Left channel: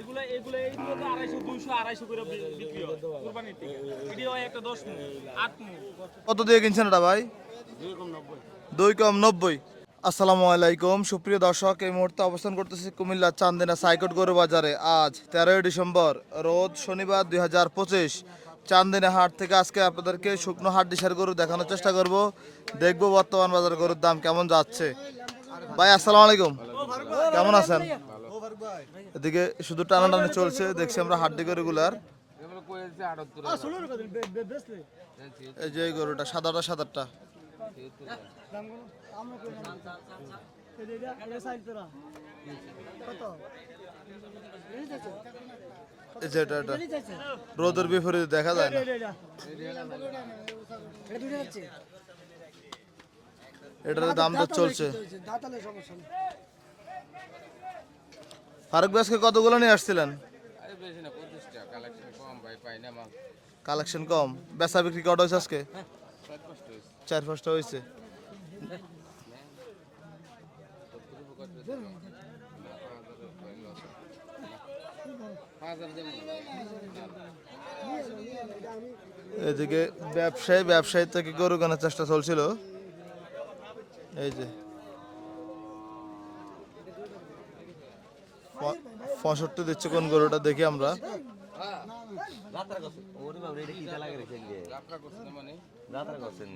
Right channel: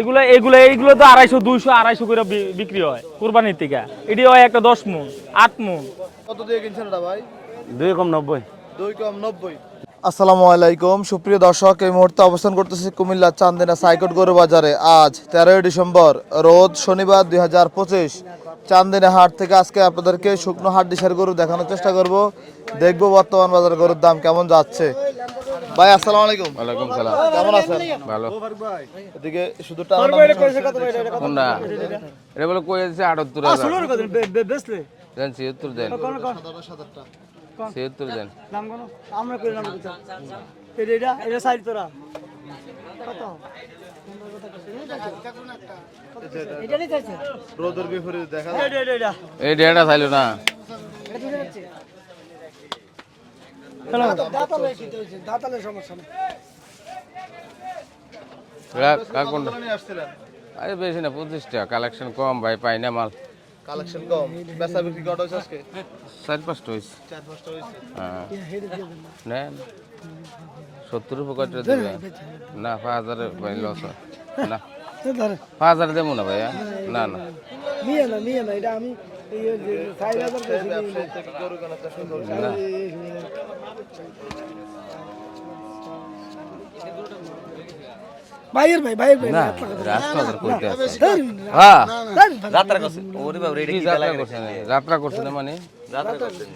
এগুলো এগুলো এইগুলো তো আড়াইশো দুইশো আড়াইশো করে বিক্রি হয় কোরবানির থেকে। এটি হয় একটা দশ মন আট মন কত দিয়ে কিনছেন এটা ভাই? দুই কম নব্বই। দুই কম নব্বই। আসসালামু আলাইকুম সুপ্রিয় দর্শক এই মুহূর্তে অবস্থান করতেছি কুমিল্লা চান্দিনা সাইকট গরু বাজারে। আজ তেরোই ডিসেম্বর রোজ শনিবার দুই হাজার পঁচিশ। চান্দিনা হাট থেকে আজকে আপনাদেরকে শুকনো হাট ডিসার গরু দেখানোর চেষ্টা করব। দেখব বর্তমান বাজার গরুর দাম কেমন যাচ্ছে। ভাই আসসালামু আলাইকুম। ওয়ালাইকুম সালাম। কেমন আছেন? ভালো। এদিকে শুধু টানা চলছে দেখছি আমরা হাট গরুগুলার এটা বলে কই আছে? আটাত্তর হাজার। দেন ছিয়াত্তর দেন। এই গরুটা সাদাটা সাদাটা ছিয়াত্তর দেন। আমরা করে নাম এটা এটা সাইড তোরা। এটা। রোদের বিপরীতে দেখা যায় এই ডেটা চাইলো না। এটার দাম তো চলছে। দাঁতালের সমস্যা নেই। ফারুক আজকে কতগুলো নিয়ে আসছিলেন? আরে বেশি না পঁচিশটা কালেকশন কম ভাই পাই না মাল। কালেকশন কম। বেচা বিক্রি কত হয়েছে আজকে? চার পাঁচটা চার হ্যাঁ। নেন। সত্তর দেবে? না পাঁচ হাজারে ভাই লস হয়। না। পাঁচ হাজারে দেবো না ভাইয়া? না না। এদিকে ব্যবসায়ী ব্যবসায়ী থেকে গরু কেনার চেষ্টা চলছিল। এই যে। বাইরের ভাই বাইরের ভাই। হ্যাঁ। যাত্রা করছে ওরে বাবা রেডি কি করছেন যাত্রা করছেন না মানে? যাত্রা করছেন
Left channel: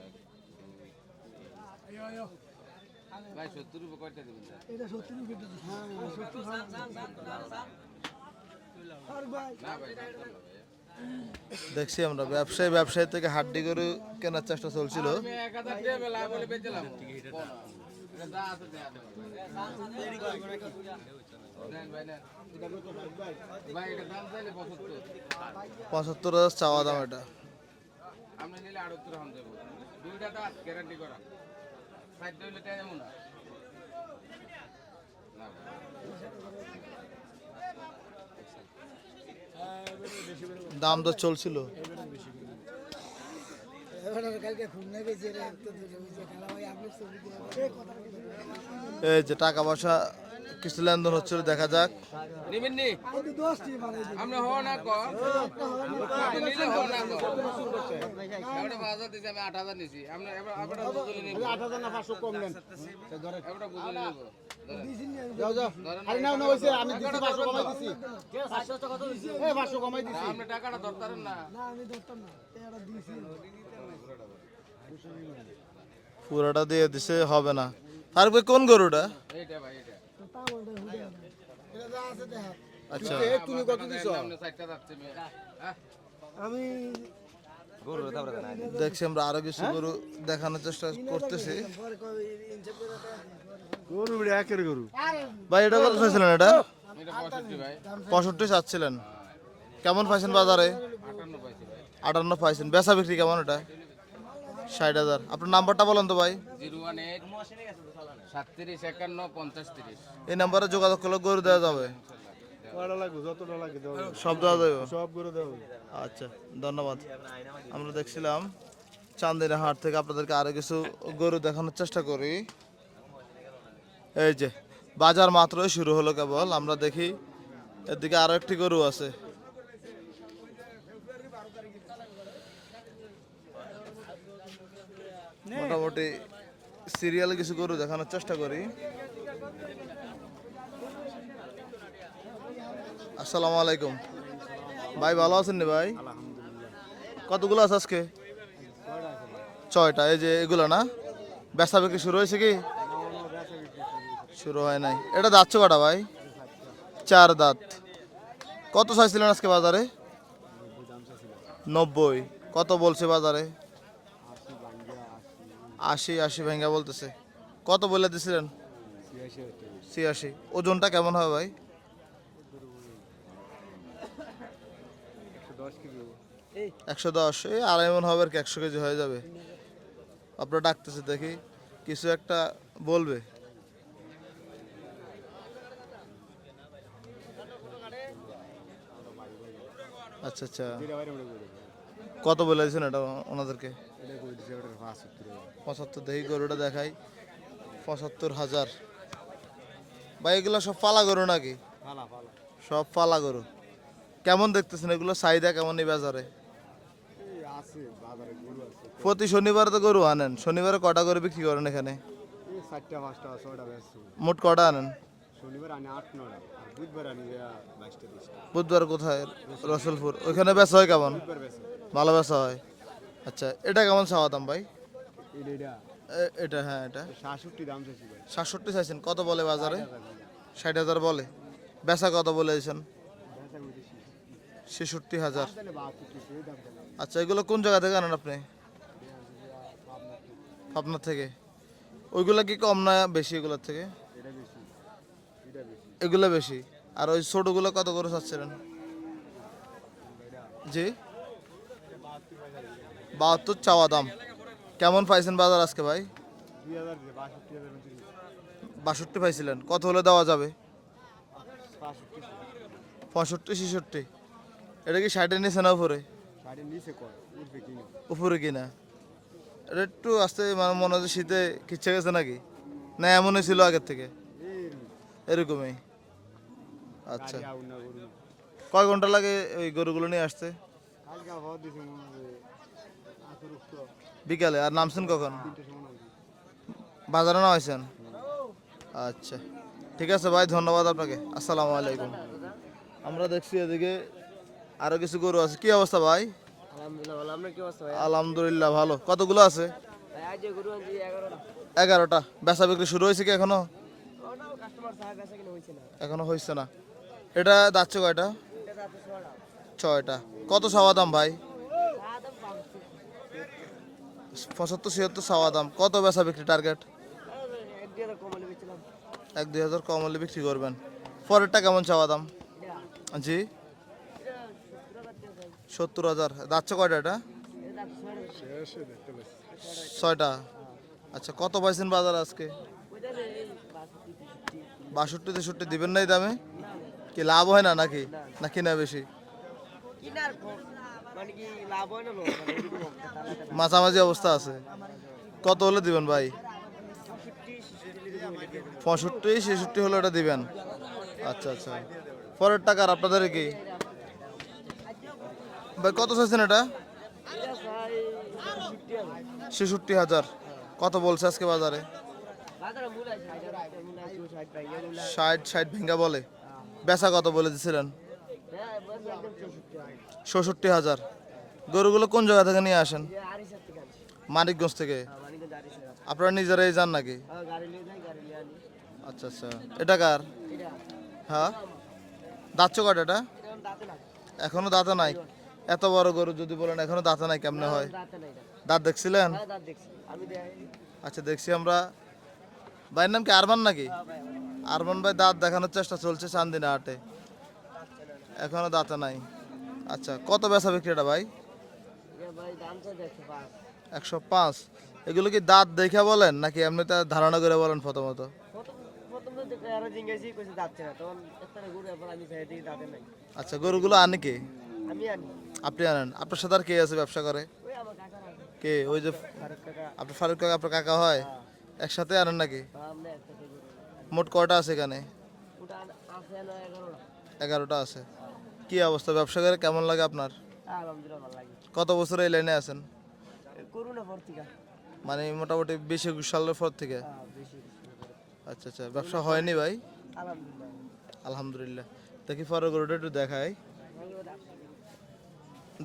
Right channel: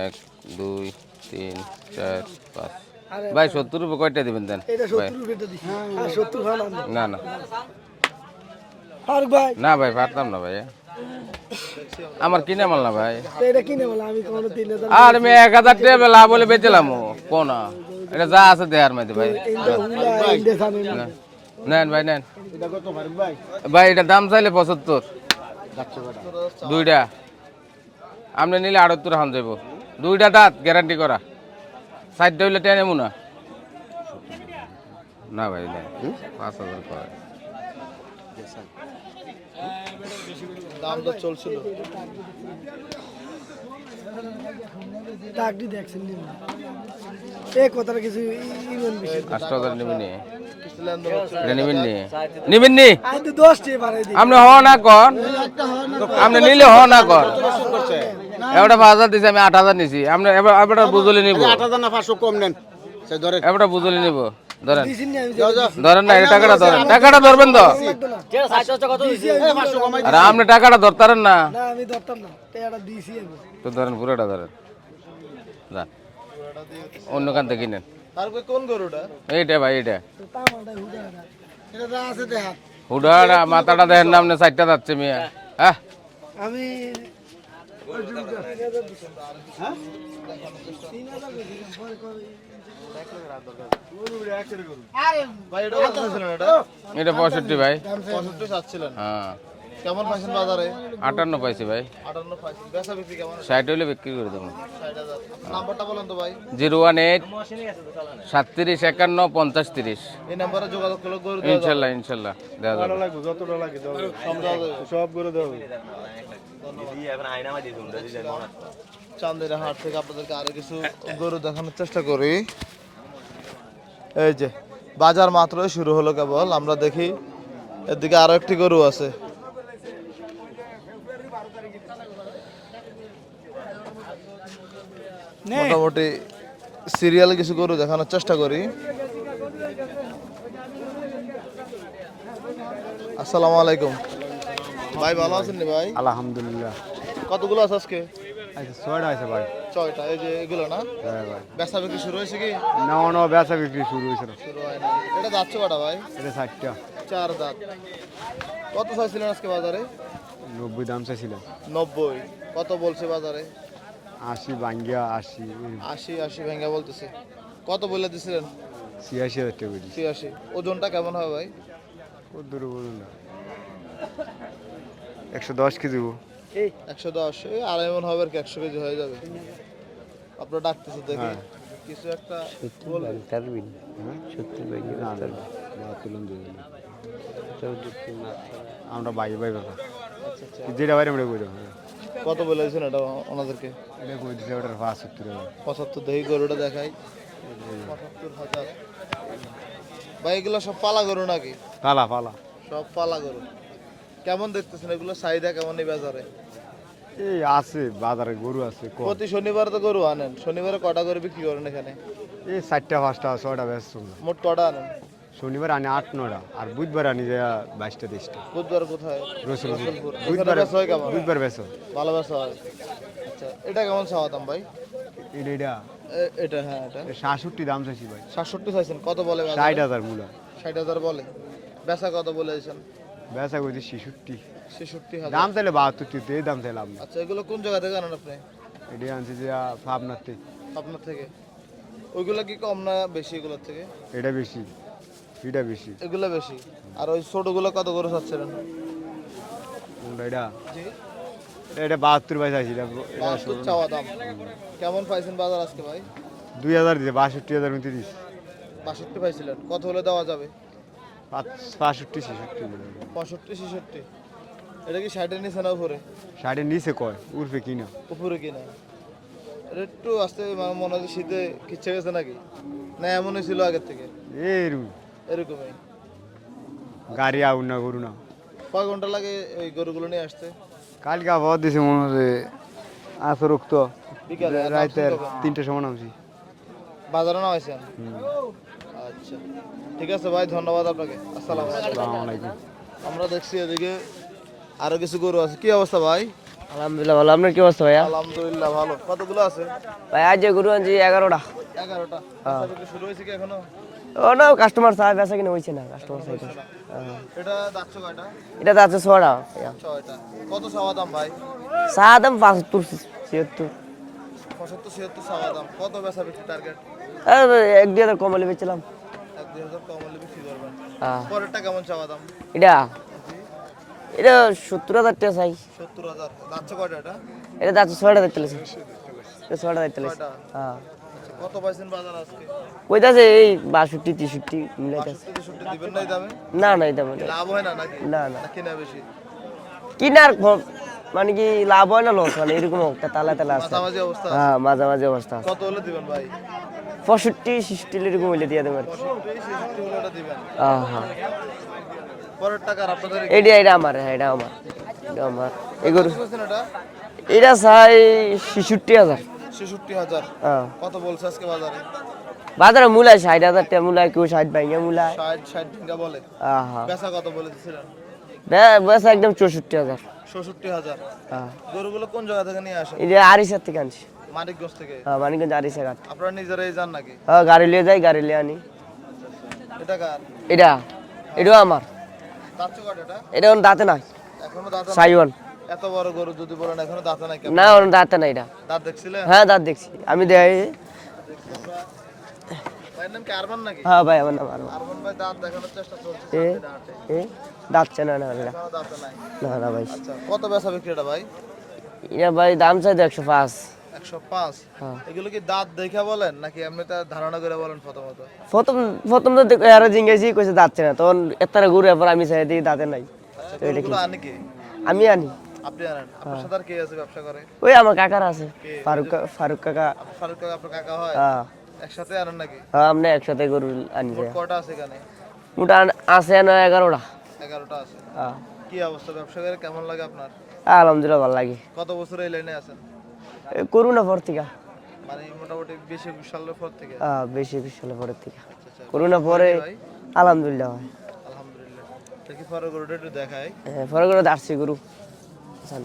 এক দুই তিন চার পাঁচ। ভাই সত্তর রুপে কয়টা দিবেন দেন? না না। ভাই। না ভাই পারতাম না ভাই। আমরা। আমার কিনে মাল না ভাই। আর আমি এক হাজার টাকা লাভ বলে বেচলাম কোন। এটা যা আছে দেহার মধ্যে ভাই। নেন ভাই নেন। ভাই এটা দাম চাইলে পঁচাত্তর। পঁচাত্তর দুইটা। আপনি নিলে আটাত্তর হান যাইব। দুইটা দাঁত গ্যারান্টি করা। সাইডটা হইলে টেনে না না ভাই না। পাঁচ হাজার করে দাম তো চলছিল। আপনি হ না? কর আপনি নিলে হ না কর এবারটা পাঁচ হাজার দিছি আমি আট হাজার নিছি। আপনি এবার বুঝলে নিব। এবারটা বুঝলে নিব। ধরেন। ধরেন না এই টাকাটা ধরেন। টাকাটা ধরবেন তো। আর আপনি টাকাটা ধরতারেন না। না আমি ধরতাম না। এটা দিছি আমি। তো ধরেন পুরোটা ধরেন। পুরোটা দিয়ে দিছে অন্য খান থেকে কিনেন আর ভাই কোন গরুটা? এইটা ভাই এইটা। হুডাটা মাথাটা দেখেন না আপনি সাইডটা যাচ্ছে মিয়া। হ্যাঁ আমি দেখছি আমরা আরও কিছু গরু দেখানোর চেষ্টা করতেছি। ভাই এটা কত চাইছিলেন এটা? এটা পঁয়ষট্টি ভাই। পঁয়ষট্টি চাচ্ছিলেন হ্যাঁ। কেমন পাইছেন বাজারে? আটান্ন পাইছি ভাই। আটান্ন পাইছেন। বেচা বিক্রি কেমন এটা ষাট হইলে বিক্রি করে দেবো। ষাট হাজার। আপনার নাম্বারটা বলেন তো ভাই। জিরো ওয়ান এইট সাতত্রিশ একান্ন পঞ্চাশ তিরিশ। এই নাম্বারে যোগাযোগ করলে গরু দেওয়া যাবে। ইনশাল্লাহ ইনশাল্লাহ দেওয়া যাবে। সব দেওয়া যাবে? সব করে দেওয়া আচ্ছা ধন্যবাদ। আমরা দেখছিলাম চান্দিনা হাট থেকে আপনাদেরকে আরও কিছু গরু দেখানোর চেষ্টা করি। এই যে বাজার মাত্রই শুরু হলো কেবল। আমরা দেখি এদিকে আরও একটি গরু আছে। মোটামুটি সিরিয়াল কিছু গরু দেখানোর চেষ্টা করি। আসসালামু আলাইকুম। ভাই ভালো আছেন নি ভাই? আলহামদুলিল্লাহ। কতগুলো আছে আজকে? আচ্ছা ছয়টা আছে ভাই। ছয়টা এই যে এগুলো না? হ্যাঁ ভাই। বেচা বিক্রি শুরু হয়েছে কি? বেচা বিক্রি শুরু হয়েছিল শুরু হয় নাই। এটা যাচ্ছে কটা ভাই? এটা ষাটটা চার দাঁত। কত চাইছিলেন আজকে বাজারে? নব্বই দাম চাইছিলাম। নব্বই। কত বলছে বাজারে? আশি বাঙ্গিয়া আশি। আশি আশি ভেঙে বলতেছে। কত বলে দিছিলেন? ছিয়াশি হাজার টাকা করি ছিয়াশি। ওজনটা কেমন হবে ভাই? কত দূরে বলুন না। একশো দশ কেজি গো। একশো দশ। এই আর এমন হবে আর কি একশো কেজি হয়ে যাবে। আপনার ডাকতেছে দেখি। কিছু একটা বলবে। হ্যাঁ? না, না, না, তুলুন দিয়ে দিন। আমরা বাই বাই ব্যাপার। আচ্ছা আচ্ছা। যেটা বাইরে আমরা দেবো। কত বলেছেন এটা ওনাদেরকে? এটা কই দিচ্ছে ওটার পাঁচ পঁচাত্তর দেখি গরুটা দেখাই। পঁচাত্তর হাজার। ভাই এগুলো সব পালা গরু নাকি? পালা পালা। সব পালা গরু। কেমন দেখতেছেন এগুলো? চাহিদা কেমন এই বাজারে? এই আছে বাজারে গরু আছে। প্রতি শনিবার তো গরু আনেন। শনিবারে কটা গরু বিক্রি করেন এখানে? এই চারটা পাঁচটা ছয়টা ব্যস্ত মোট কটা আনেন? শনিবার আনি আট নটা আর বুধবার আনি যে বাইশটা তেইশটা। বুধবার কোথায়? রসুলপুর। ওখানে বেচা হয় কেমন? বুধবার বেসো ভালো বেচা হয়? আচ্ছা এটা কেমন চাওয়াতাম ভাই? এটা এটা। এটা হ্যাঁ এটা। সাতষট্টি দাম চাইছি ভাই। সাতষট্টি চাইছেন কত বলে ষাট হাজার মূলা। ষাট হাজার বলে। বেচা কত বলেছেন বেচা করছি ছেষট্টি। ছেষট্টি হাজার। দাম চাইলে বাহাত্তর তিরিশ এই দাম চাইলাম। আচ্ছা এগুলো কোন জায়গা থেকে আনেন আপনি? এটা আনছি যে পাবনাতে আপনার থেকে। ওইগুলো কি কম না বেশি এগুলোর থেকে? এটা বেশি। এটা বেশি। এগুলো বেশি। আর ওই ছোটগুলো কত করে চাচ্ছিলেন? এটা? জি। এটা বাহাত্তর পয়সা চাইছি বাহাত্তর চাওয়া দাম। কেমন পাইছেন বাজার আজকে ভাই? দুই হাজার দিছে বাষট্টি হাজার মধ্যে দিস বাষট্টি পাইছিলেন। কত হলে দেওয়া যাবে? বাষট্টি ছেষট্টি। পঁয়ষট্টি ছেষট্টি। এটা কি ষাটের নিচে না উপরে? ষাটের নিচে কয়? উর্ফে কিনা? উপরে কিনা? এটা একটু আসতে মানে মনে হচ্ছে শীতে কিচ্ছে গেছে নাকি? না এমনই ছিল আগের থেকে। এই রু এরকমই। গাড়ি আউন না করু না। কয় ঘণ্টা লাগে ওই গরুগুলো নিয়ে আসতে? কালকে আবহাওয়া দিছে মনে হচ্ছে আসর উক্ত বিকালে আর নামছেন কখন? তিনটে সময় নামছি। বাজারে নামাইছেন? আচ্ছা। ঠিক আছে ভাই ধন্যবাদ আপনাকে। আসসালামু আলাইকুম। আমরা দেখছি এদিকে আরও কিছু গরু আছে। কি অবস্থা ভাই? আলহামদুলিল্লাহ ভালো। আপনার কি অবস্থা ভাইয়া? আলহামদুলিল্লাহ ভালো। কতগুলো আছে? ভাই আজ গরু আনছি এগারোটা। এগারোটা। বেচা বিক্রি শুরু হয়েছে কি এখনও? ও কাস্টমার সাহেব বেচা কিনা হয়েছে না এখনও হয়েছে না। এটা যাচ্ছে কয়টা? এটা ছটা ভাইয়া ছয়টা। কত সাওয়া দাম ভাই? চা দাম পাঁচাত্তর ছিয়াত্তর। পঁচাত্তর ছিয়াত্তর সাওয়া দাম। কত বেচা বিক্রি টার্গেট এক দুই হাজার কমালে বেচলাম এক দুই হাজার কম হলে বিক্রি করবেন। হ্যাঁ। পরেরটা কেমন চাওয়া দাম? এটা? জি। এটা সত্তর হাজার টাকা চাই। সত্তর হাজার। যাচ্ছে কয়টা এটা? এটা যাচ্ছে ছয়টা দেখতে ছয়টা দেখতে ছয়টা? হ্যাঁ। আচ্ছা কত পাইছেন বাজার আজকে? ওইটাছে এই বাষট্টি তেষট্টি মিলে আছে। বাষট্টি তেষট্টি দিবেন নাই দামে? না না এটা কি লাভ হয় না নাকি? না, না। না কিনা বেশি? কিনার মানে কি লাভ হয় না লস মানে এরকম একটা তালা তালা মাঝামাঝি অবস্থা হ্যাঁ মাঝামাঝি অবস্থা কত হলে দিবেন ভাই? পঁয়ষট্টি ষষ্টি এরকম হইলে দিয়ে দেবেন। পঁয়ষট্টি ছেষট্টি হলে এটা দিবেন? আচ্ছা আচ্ছা। পরের টাকা আপনাদের? এটা এটা আমার হ্যাঁ এটা আমার। এটা আমার। কত চাইছেন এটা? এটা চাই ছেষট্টি হাজার। ছেষট্টি হাজার। হ্যাঁ কত বলছে আজকে বাজারে? বাজারে মূলায় ষাট হাজার টাকা মূলায় কেউ ষাট ভাঙে মূলায়। ষাট ষাট ভেঙ্গা বলে। হ্যাঁ হ্যাঁ বেচা কত বলে দিছিলেন? বে- বেচা একদম চৌষট্টি হাজার। ষষট্টি হাজার। হ্যাঁ গরুগুলো কোন জায়গা থেকে নিয়ে আসেন? এটা আড়িশার থেকে আনছি। মানিকগঞ্জ থেকে? হ্যাঁ মানিকগঞ্জ আড়িশা ঘাট আপনারা নিজেরাই যান নাকি? হ্যাঁ গাড়ি লিয়ে যাই গাড়ি লিয়ে আনি। আচ্ছা আচ্ছা। এটা কার? এটা এটাও আমার। দাঁতছ কট এটা এটা দাঁতে নাই। এখনও দাঁতে সাইওয়ান। এত বড় গরু যদি বলেন এখনও দাঁতে নাই কেমন? না ওর দাঁতে নাই এটা। দাঁত দেখছিলেন? হ্যাঁ দাঁত দেখছি। আমি দেখাই। আচ্ছা দেখছি আমরা। ভাইয়ের নাম কি আরমান নাকি? হ্যাঁ ভাই আমার নাম আরমান। আরমান ভাই দাঁত দেখানোর চেষ্টা চলছে চান্দিনা হাটে। দাঁতছে না না এখনও দাঁতে নাই। না না ভাই। আচ্ছা কত বেচা বিক্রি এটা ভাই? এটা ভাই দাম চাই তো একশো পাঁচ। একশো পাঁচ? হ্যাঁ। এগুলো কি দাঁত দেখে বলেন নাকি এমনিতে ধারণা করে বলেন প্রথমত? প্রথম প্রথম তো দেখো আরও জিঙ্গাইছি কইছে দাঁতছে না। তখন এতারে ঘুরে পর আমি চাই দিই দাঁতে নাই। আচ্ছা গরুগুলো আনে কে? আমি আনি। আপনি আনেন আপনার সাথে আর কে আছে ব্যবসা করে? ওই আমার কাকার আছে কে? ফারুক ফারুক কাকা। আপনার ফারুক কাকা আপনার কাকা হয়? হ্যাঁ। একসাথে আনেন নাকি? হ্যাঁ আমরা একসাথে গরু আনি। মোট কয়টা আছে এখানে? মোটা আছে না এগারোটা। এগারোটা আছে। হ্যাঁ। কি অবস্থা ব্যবসা করে? কেমন লাগে আপনার? আলহামদুলিল্লাহ ভালো লাগে। কত বছর এই লাইনে আছেন? পর থেকে। মানে মোটামুটি বেশি সালের পর থেকে? হ্যাঁ, বেশি হলে পরের থেকে। আচ্ছা আচ্ছা করোনা পরে। ভাই? আলহামদুলিল্লাহ হয় আলহামদুলিল্লাহ। দেখি পরে গরুটা একটু দেখাই। হ্যাঁ, পরে দাঁড়ছি গরু।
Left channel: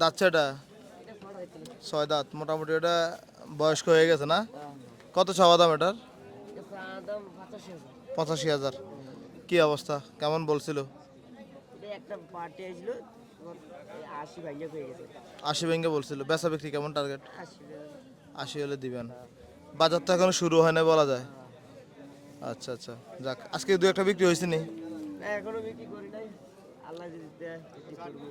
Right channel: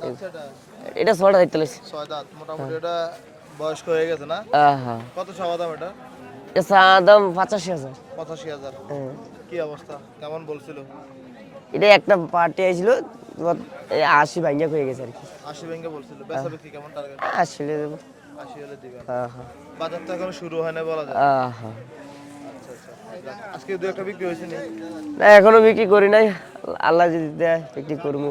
যাচ্ছে এটা লেছি। ছয় দাঁত মোটামুটি এটা বয়স্ক হয়ে গেছে না? হ্যাঁ কত চাওয়া দাম এটার? এটা দাম পঁচাশি হাজার। পঁচাশি হাজার। কি অবস্থা? কেমন বলছিল? এটা একটা পার্টি আইছিল আশি ভাঙ্গা হয়ে গেছে আর কি। আশি ভেঙে বলছিল। বেচা বিক্রি কেমন টার্গেট আশি হলে দেবো। আশি হলে দিবেন। বাজার তো এখনও শুরু হয় না বলা যায়। আচ্ছা আচ্ছা। আজকে দু একটা বিক্রি হয়েছে নি? না এখনও বিক্রি করি নাই। আল্লাহ যদি দেয় বিক্রি করব।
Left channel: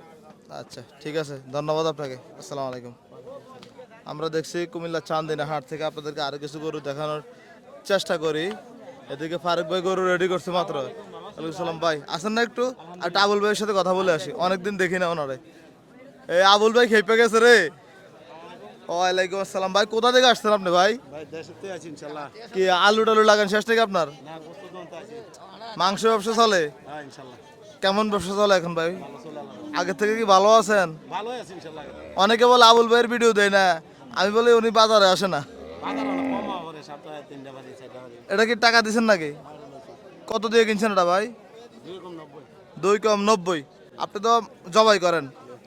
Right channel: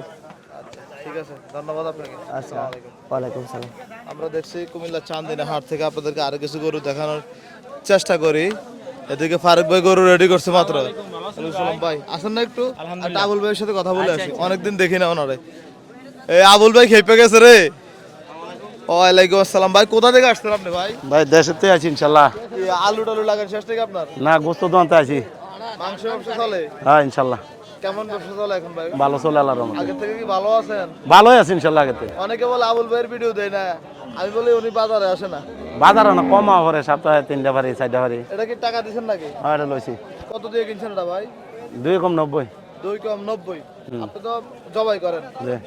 আচ্ছা ঠিক আছে ধন্যবাদ আপনাকে। আসসালামু আলাইকুম। ওয়ালাইকুম সালাম। আমরা দেখছি কুমিল্লা চান্দিনা হাট থেকে আপনাদেরকে আরও কিছু গরু দেখানোর চেষ্টা করি। এদিকে ফারুক ভাই গরু রেডি করছে মাত্র। সালাম ভাই আসেন না একটু? আর আবুল ভাইয়ের সাথে কথা বলে আসি। অনেকদিন দেখি না ওনারে। এই আবুল ভাই খেপে গেছে রে। ওয়ালাইকুম আসসালাম ভাই কোথা থেকে আসছেন আপনি ভাই? ভাই দেশেতে আছি ইনশাল্লাহ। কি আলু টালু লাগান শেষ থেকে আপনার? না গোস্ত দোকানতে আছি। মাংস ব্যবসা চলে? হ্যাঁ ইনশাল্লাহ। কেমন ব্যবসা চলে এখন ভাই? ভালো চলে আল্লাহর রহমতে। আগে থেকে কি ভালো আছেন? ভালোই আছে ইনশাল্লাহ আগেতে অনেকে বলে আবুল ভাইয়ের ভিডিও দেয় না। আমি বলি উনি বাজারে আসে না। বাজারে না কম পরে সপ্তাহে তিনটা বাড়ি চারটা বাড়ি এটা কি টাকা দিছেন নাকি? আর এটা লইছি। কত দিয়ে কিনছেন এটা ভাই? দুই কম নব্বই। দুই কম নব্বই। আপনি তো জবাই করেন।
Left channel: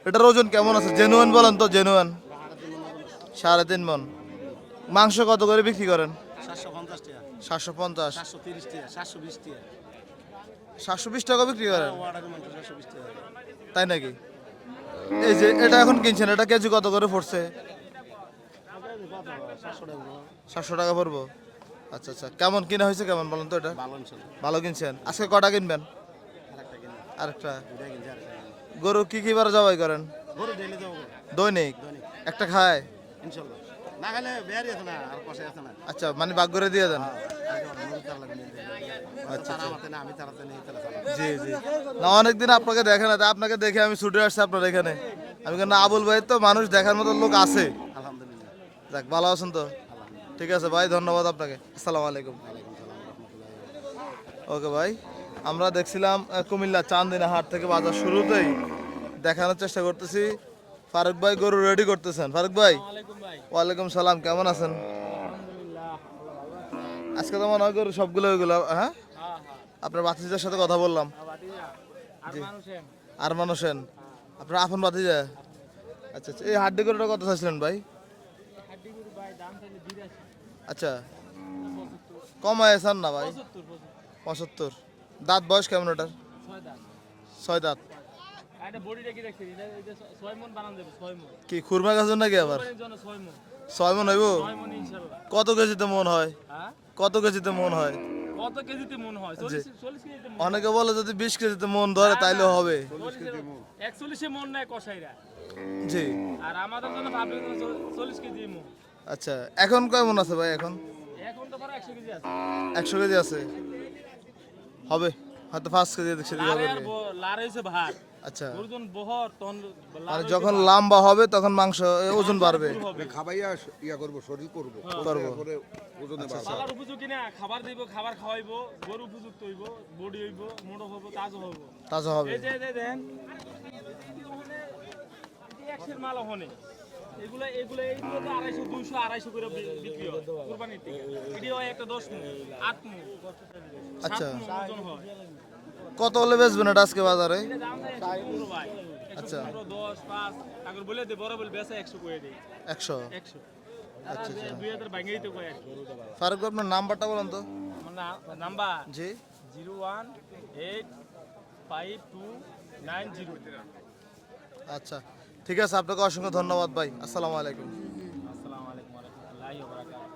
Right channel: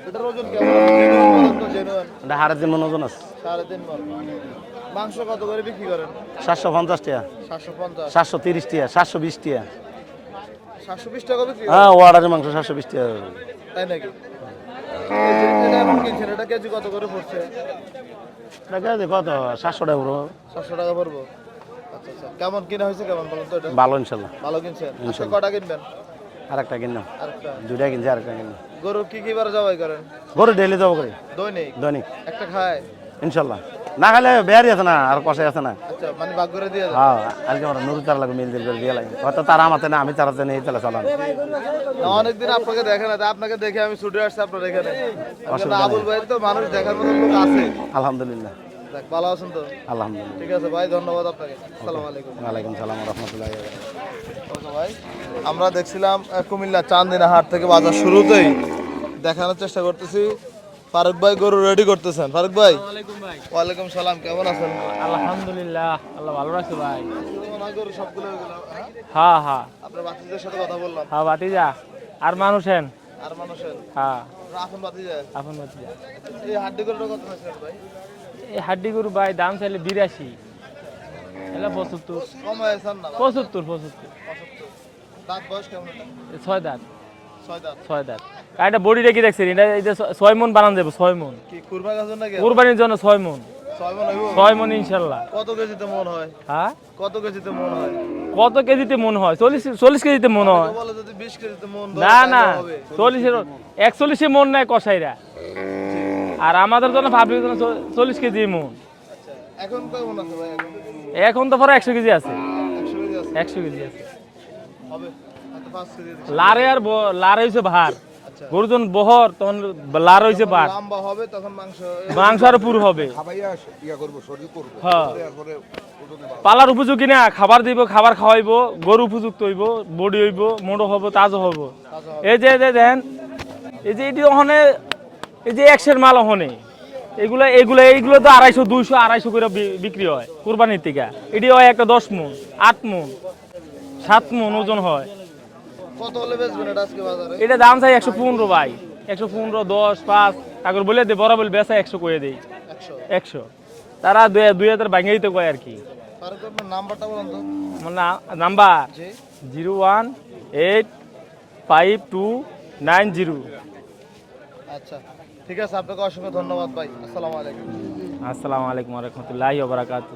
এটার ওজন কেমন আছে? জেনুয়ান বলেন তো জেনুয়ান এটা হারের যে মনোজন আছে। সাড়ে তিন মন। মাংস কত করে বিক্রি করেন? সাতশো পঞ্চাশ টাকা। সাতশো পঞ্চাশ। সাতশো তিরিশ টাকা সাতশো বিশ টাকা। সাতশো বিশ টাকা বিক্রি হ্যাঁ? ওয়ার্ডারের মাংস সাতশো বিশ টাকা। তাই নাকি? এই যে এটা এখন কিনছেন এটা কেজি কত করে পড়ছে? কত? সাতশো টাকা পুরো সাতশো টাকা পড়ব? আচ্ছা আচ্ছা। কেমন কিনা হয়েছে কেমন বলুন তো এটা? ভালো ইনশাল্লাহ। ভালো কিনছেন? আজকে কটা কিনবেন? আর একটা কিনলাম আরেকটা? দুইটা কিনছি আর একটা কিনলাম গরু কি কি বার জবাই করেন? গরু ডেলি যাব করে। দৈনিক? দৈনিক। একটা খায়? ইনশাল্লাহ। না খালে বেয়ারি আছে না আর কষাই আছে না। আচ্ছা মানে ভাগ করে দিয়ে দেন হ্যাঁ আজকে আমরা নুরু তার লাগবে মিল দিল করে দিয়ে লাগে হয়তো তারা আমাতে না আমি তারাতে নেই তাহলে চালাম না অনেকদিন আপনাকে দেখে না তা আপনাকে দেখে আমি ছুটে আসছি আপনার এখানে। আমি আবুল ভাই তো মানুষ দেখার মতো লোক আছে। আলহামদুলিল্লাহ। যাক ভালো আছেন তো? আলহামদুলিল্লাহ। ঠিক আছে ভাই ধন্যবাদ আপনাকে। আসসালামু আলাইকুম। ওয়ালাইকুম সালাম রহমতুল্লাহ। ওকে ভাই আমরা দেখছিলাম কুমিল্লা চান্দিনা হাট থেকে বাজার শুরুতেই দেখানোর চেষ্টা করতেছি। ফারুক ভাই গরু রেডি করতেছেন। ফারুক ভাই। ওয়ালাইকুম সালাম কেমন আছেন? আলহামদুলিল্লাহ আল্লাহ ভালো রাখছে ভাই। আজকে তো মনে হয় গরু সবগুলো ওইগুলো হ্যাঁ? হ্যাঁ হ্যাঁ। আপনার বাতিজার সাথে কথা বললাম। হ্যাঁ বাতিজা আর মানুষেন আর মানুষেন হ্যাঁ। আপনার আপন বাতিজা আপন বাতিজা আচ্ছা আচ্ছা। এই হাড্ডি গরুটা কত চাইছিলেন ভাই? এই হাড্ডি গরু ভাই দাম চাইলে বিরাশি। আচ্ছা। এলা পঁচাত্তর। কম হয়েছেন না পঁচাত্তর পঁচাত্তর। পঁচাত্তর। দাঁত বয়স কেমন ওটা ছয় দাঁত। ছয় দাঁত। ছয় দাঁত। এটা বডি রেখে দেখছেন এটা এটা ছয় মন বানান যাবে ছয় মন। কি খুরমা গাছ নাকি? কোরবানির জন্য ছয় মন। ছয় মন হইব? ছয় মন কত কেজিতে মন হয়? হ্যাঁ? কত কেজিতে মন হয়? কত কেজিতে মন হয়? চল্লিশ চল্লিশ কেজিতে মন হয়। বলে যদি বিশ কেজিতে মন ধরে না চল্লিশের একচল্লিশে মন নেয় কষাইরা আর আমাদের জন্য পাবলিকের জন্য চল্লিশ কেজি মন। আচ্ছা এখন কয় মন আছে ভাই এখন? এখন তো পরে একশো কেজি আছে। একশো কেজি আছে? একশো কেজি আছে। হবে হয়তো পাঁচ কেজি লারে আর লার হয়েছে ভার। আচ্ছা। গরুজন বহর তখন লার যখন লম্বা হবে তখন মাংস এ ওজন মাংস আরও বাড়বে। পুরো হবে। হ্যাঁ। পালার উপযোগী না খাবার দিব খাবার খাওয়াইবো গরু উপযুক্ত হইব বডি হইব মোড়ো হব তাজা হব। এই যে এই যে দেন এই যে এটি ওখানে এই যে একশের মাল ওখানে এগুলো এগুলো এইগুলো তো আড়াইশো দুইশো আড়াইশো করে বিক্রি হয় কোরবানির থেকে। এটি হয় একটা দশ মন আট মন সাত মন ওজন হয়। কত হলে বেচবেন এটা আজকে বাজারে? এটা দাম চাই একশো পনেরো ভাই। একশো পনেরো দশ পাঁচ। তারপর বলে দে বরাবর বেচা একশো করে দেই। একশো? একশো। তারা দুই দুই হাজার ভাঙিয়ে দিতে কয় আর কি। ফারুক আপনার নাম্বারটা বলেন তো। আমার number? Zero one eight five two nine zero. আচ্ছা ঠিক আছে আপনাকে অসংখ্য ধন্যবাদ ভাই। আসসালামু আলাইকুম। আসসালামু আলাইকুম রহমতুল্লাহ বারাকাতু